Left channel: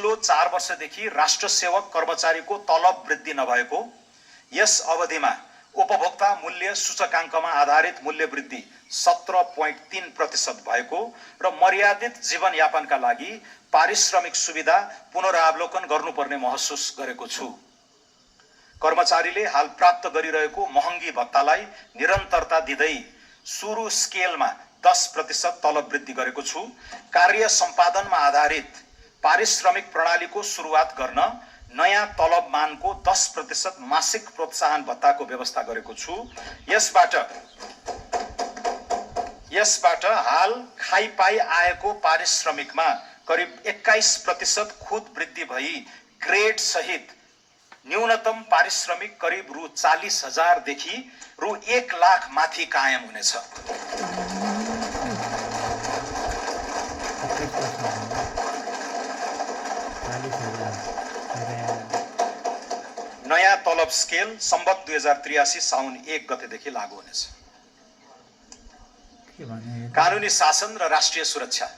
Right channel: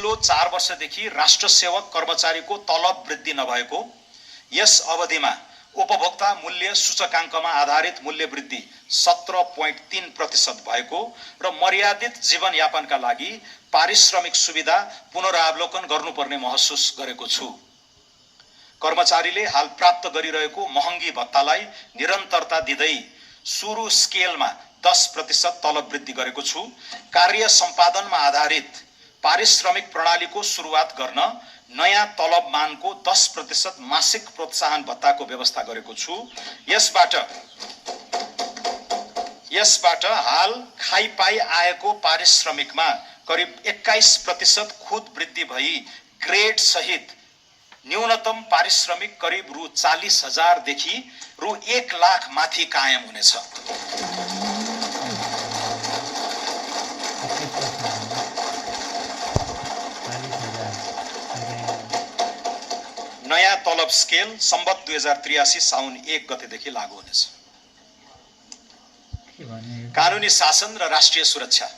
पछिल्लो 4 वर्षदेखि राष्ट्र सेवक कर्मचारीको तलब वृद्धि नभएको, यस अवधिमा उपभोक्ता मूल्य सूचकाङ्कमा आधारित मूल्य वृद्धि 17.3% भएको र मर्यादित जीवनयापनका लागि पारिश्रमिक सुविधा पुनरावलोकन गर्नुपर्ने महसुस गरेको छु। कर्मचारीले हाल प्राप्त गरिरहेको महँगी भत्तालाई निरन्तरता दिँदै सुरु स्केलमा 10% तलब वृद्धि गरेको छु। कार्य सम्पादनमा आधारित पारिश्रमिक प्रणालीको सुरुवात गर्न नयाँ तलब मानको 10% मासिक प्रोत्साहन भत्ताको व्यवस्था गरेको छु। यसबाट हाल खाइपाई आएको पारिश्रमिकमा करिब 21% खुद वृद्धि भई ग्रेड सहित न्यूनतम पारिश्रमिक करिब रु 40,000 देखि रु 1 लाख माथि कायम हुनेछ। नयाँ तलब स्केल सम्बत 2083 साउन 1 गतेदेखि लागू हुनेछ। कानुनी शासन र राष्ट्रिय सुरक्षा।